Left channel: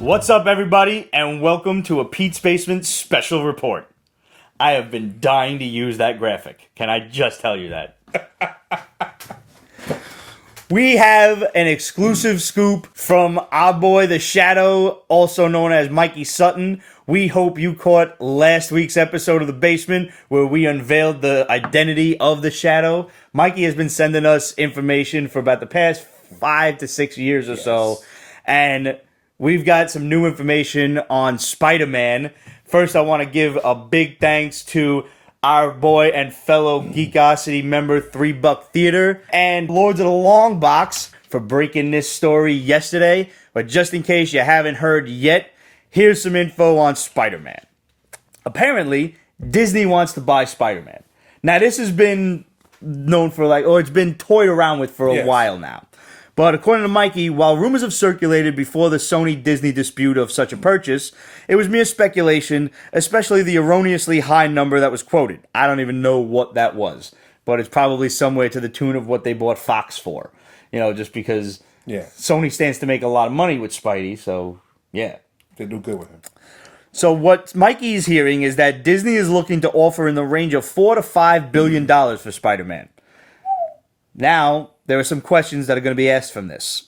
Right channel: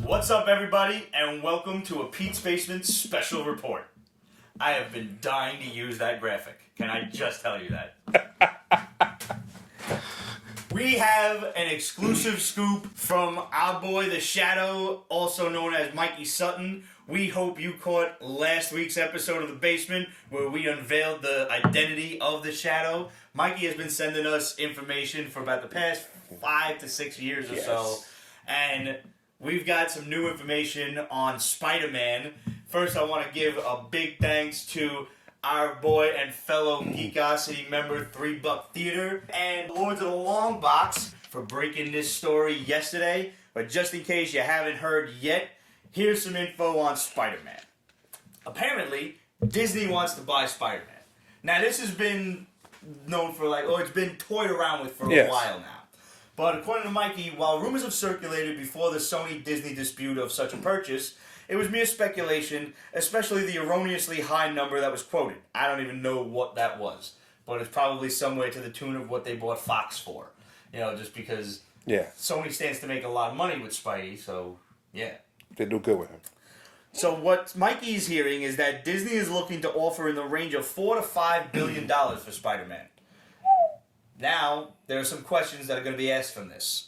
What's up, everybody, and welcome to a Pete's Basement special report. I have been dying to use that graphic. Can I just tell you that? We have an exclusive scoop from our boy, The Shadow, also known as Mikey Sutton. We hope you caught last week's episode of The Basement, where we unveiled the identity of The Shadow. Mikey has been sending us information for about the past 5 to 6 years or so, and we've got some new information on SpiderMan. First, I want to give a big thanks to our boy and fellow Geekosity member, 3 Buck Theater, and Lords of the Long Box for breaking this story yesterday. But just in case you haven't heard yet, here's some info on Spider-Man. Apparently, Disney wants to buy Spider-Man. Now, this has been known for it's been toyed around with for a while now. But according to Mikey, while rumors have circulated before the Sony-Disney dispute of such a purchase, it was mere speculation, especially the erroneously high number that was quoted. I don't even know what that was, but it's probably somewhere to the tune of what they bought Fox for. You know, just because Sony stands to make a lot of money with Spidey, so yeah. They do good with him. So what Mikey's hearing is that Disney is looking to offer in the range of $4 to $5 billion for Spider-Man. Now, there are some questions that are going to be asked from this.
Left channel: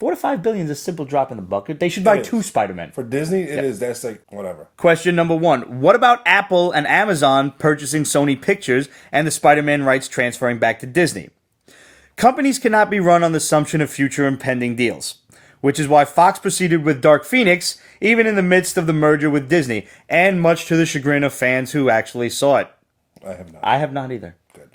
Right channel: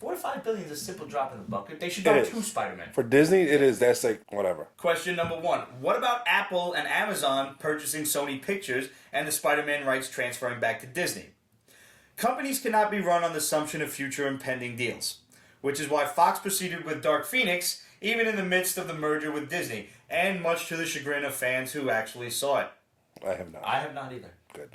$4 to $5 billion is a simple drop in the bucket. They should buy 2 Spider-Men. For Disney, it is. That's like, whatever. Question number 1. What about Apple and Amazon purchasing Sony Pictures and the Spider-Man rights transferring back to Disney? Companies cannot be run on the assumption of future impending deals, which is why Fox proceeded with Dark Phoenix, even in the midst of the merger with Disney, and much to the chagrin of fans who actually saw it. I have not. I have not either. Good.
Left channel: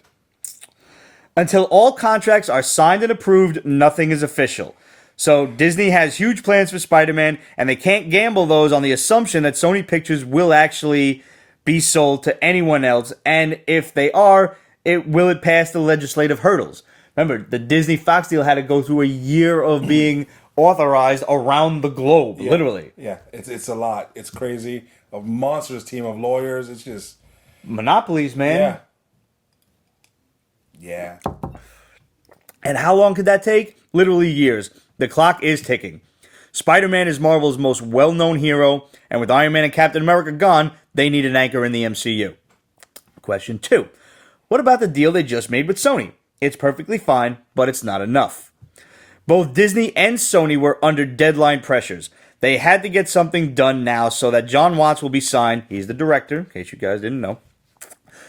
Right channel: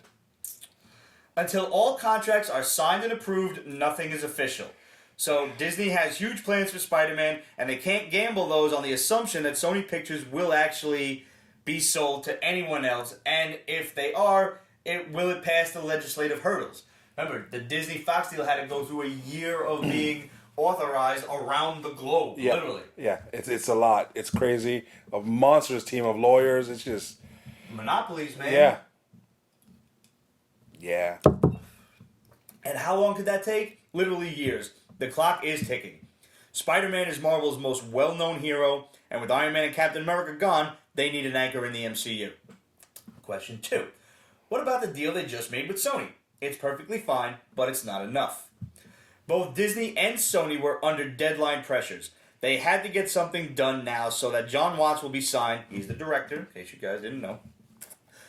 Until all contracts are signed and approved, nothing is official. So Disney has huge plans for Spider-Man, and they can't gamble those on the assumption that Sony Pictures will actually be sold to anyone else, and if they are, will it pass the legislative hurdles? Remember, the Disney-Fox deal had to go through a year of being authorized around the globe, literally. Yeah, it's a lot. It's crazy. A monstrous team of lawyers. It's just... monopolies, man. Yeah. And how long could that take? Literally years. The clock is ticking. Spider-Man is Marvel's most well-known hero, and with Iron Man and Captain America gone, they need an anchor in the MCU. Question 2. What about the deal they just made with Sony? It's perfectly fine, but it's not enough. Both Disney and Sony were under deadline pressures. They had to get something done now so that John Watts will be signed. He's the director, in case you guys didn't know.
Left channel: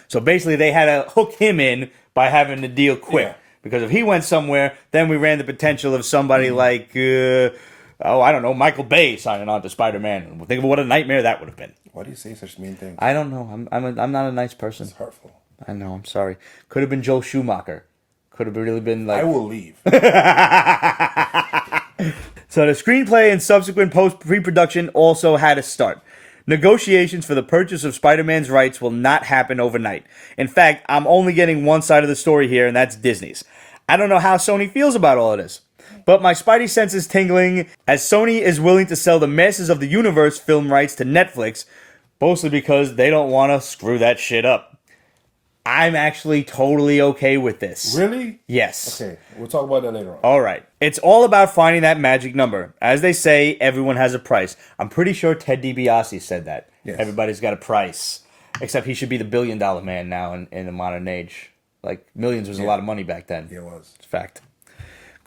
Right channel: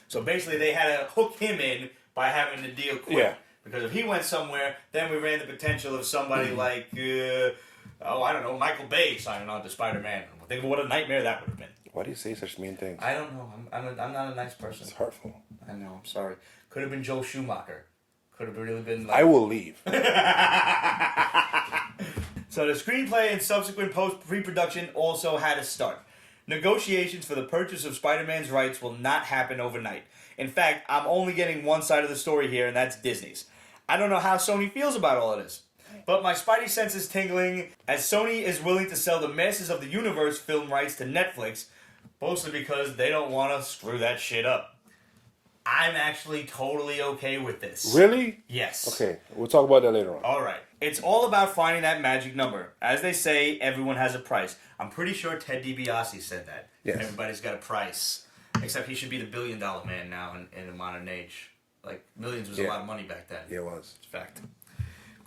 So basically, they had to hook him in by having the deal quick. Yeah. Because if he went somewhere, then we ran the potential of somebody like, I don't know, Michael Bay signing on to Spider-Man. Think of what a nightmare that would have been. Why do you say such mean things? I don't know. I'm not a nice person. It's hurtful. I know. I'm sorry. Could have been Joel Schumacher. Could have really been like... I will leave. So the screenplay and subsequent pre-production also had to start. Negotiations for the purchase of Spider-Man's rights will not happen overnight. In fact, I'm only getting one side of the story here, and that's Disney's. I don't know how Sony feels about all of this, but my spidey sense is tingling as Sony is willing to sell the Masters of the Universe film rights to Netflix, mostly because they don't want to screw that shit up. I'm actually totally okay with this. Really? Yes. Okay, we'll talk about that later on. All right. It's all about finding that magic number. As they say, everyone has a price. I'm pretty sure Ted DiBiase said that. Yes. Everybody's got a price. Except he should be the billion-dollar man now in the modern age. Like, millions was a lot of money back then. Yeah, it was. It's fact.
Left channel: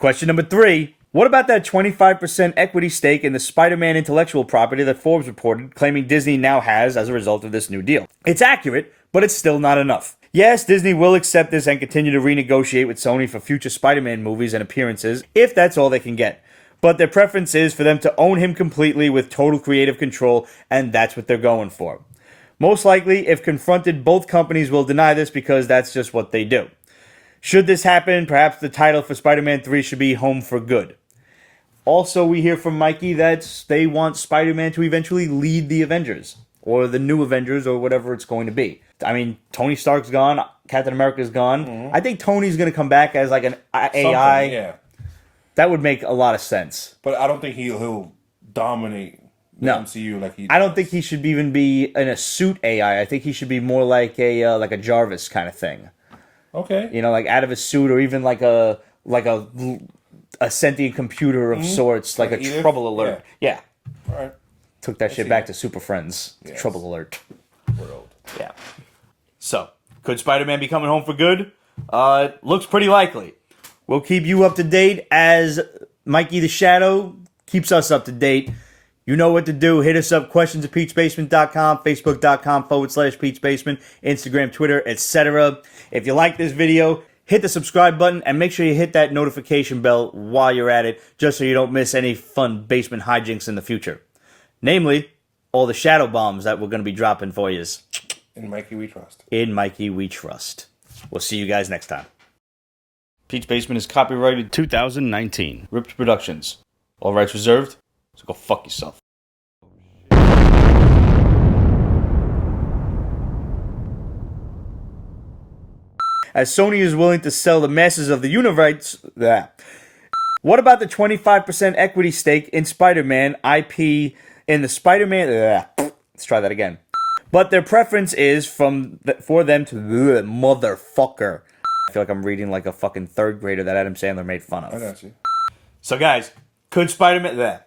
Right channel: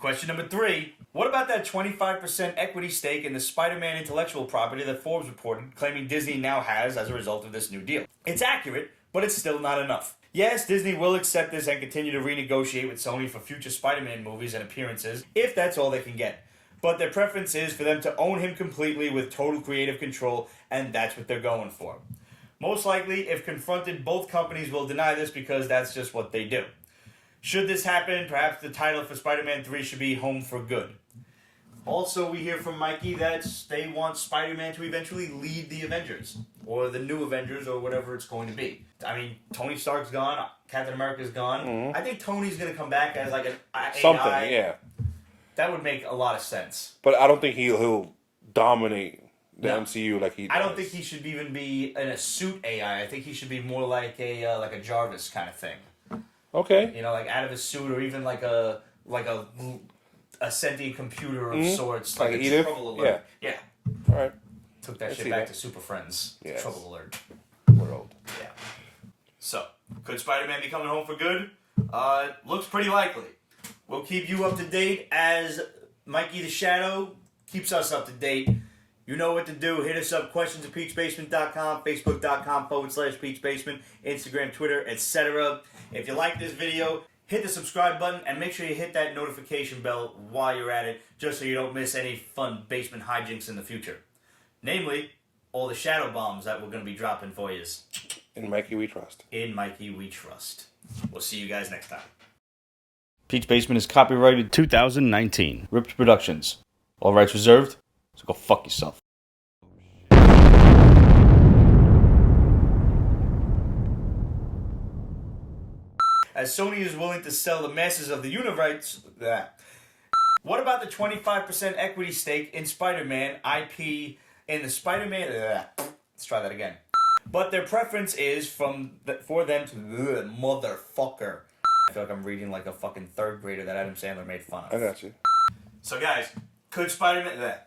Question number 3. What about that 25% equity stake in the Spider-Man intellectual property that Forbes reported, claiming Disney now has as a result of this new deal? It's accurate, but it's still not enough. Yes, Disney will accept this and continue to renegotiate with Sony for future Spider-Man movies and appearances, if that's all they can get. But their preference is for them to own him completely with total creative control, and that's what they're going for. Most likely, if confronted, both companies will deny this because that's just what they do. Should this happen, perhaps the title for Spider-Man 3 should be Home for Good. Also, we hear from Mikey that they want Spider-Man to eventually lead the Avengers, or the new Avengers, or whatever it's going to be. I mean, Tony Stark's gone, Captain America's gone. Mm-hmm. I think Tony's going to come back as like an AI. Yeah. That would make a lot of sense. But I don't think he'll dominate the MCU like he does. I don't think he should even be in a suit AI. I think he should be more like a Jarvis kind of thing. Okay. You know, like out of a suit, or even like a sentient computer of sorts, like a Edith? trouble alert. Yeah. All right. Took that shit see back that. to Super Friends. Yes. Trouble alert. We're old. Yeah. So, could Spider-Man be coming home for good? Looks pretty likely. We'll keep you up to date as Mikey the Shadow keeps us up to date. You know what to do. Hit us up, questions@peachbasement.com, facebook.com/peachbasement, Instagram, Twitter, etc. If you like this video, hit the subscribe button and make sure you hit that notification bell while you're at it, just so you don't miss any fun basement hijinks in the future. Namely, all the shadow bombs that we're going to be dropping for you. In Mikey, we trust. In Mikey, we trust. We'll see you guys next time. Peach Basement is copyrighted 2019. Rips Productions. All rights reserved, so go fuck yourself. As Sony is willing to sell the masses of the universe... What about the 25% equity stake in Spider-Man IP in the Spider-Man... Let's try that again. But their preference is for them to... Motherfucker. I feel like I'm reading like a fucking third grader that Adam Sandler made fun of. I got you. So guys, could Spider-Man...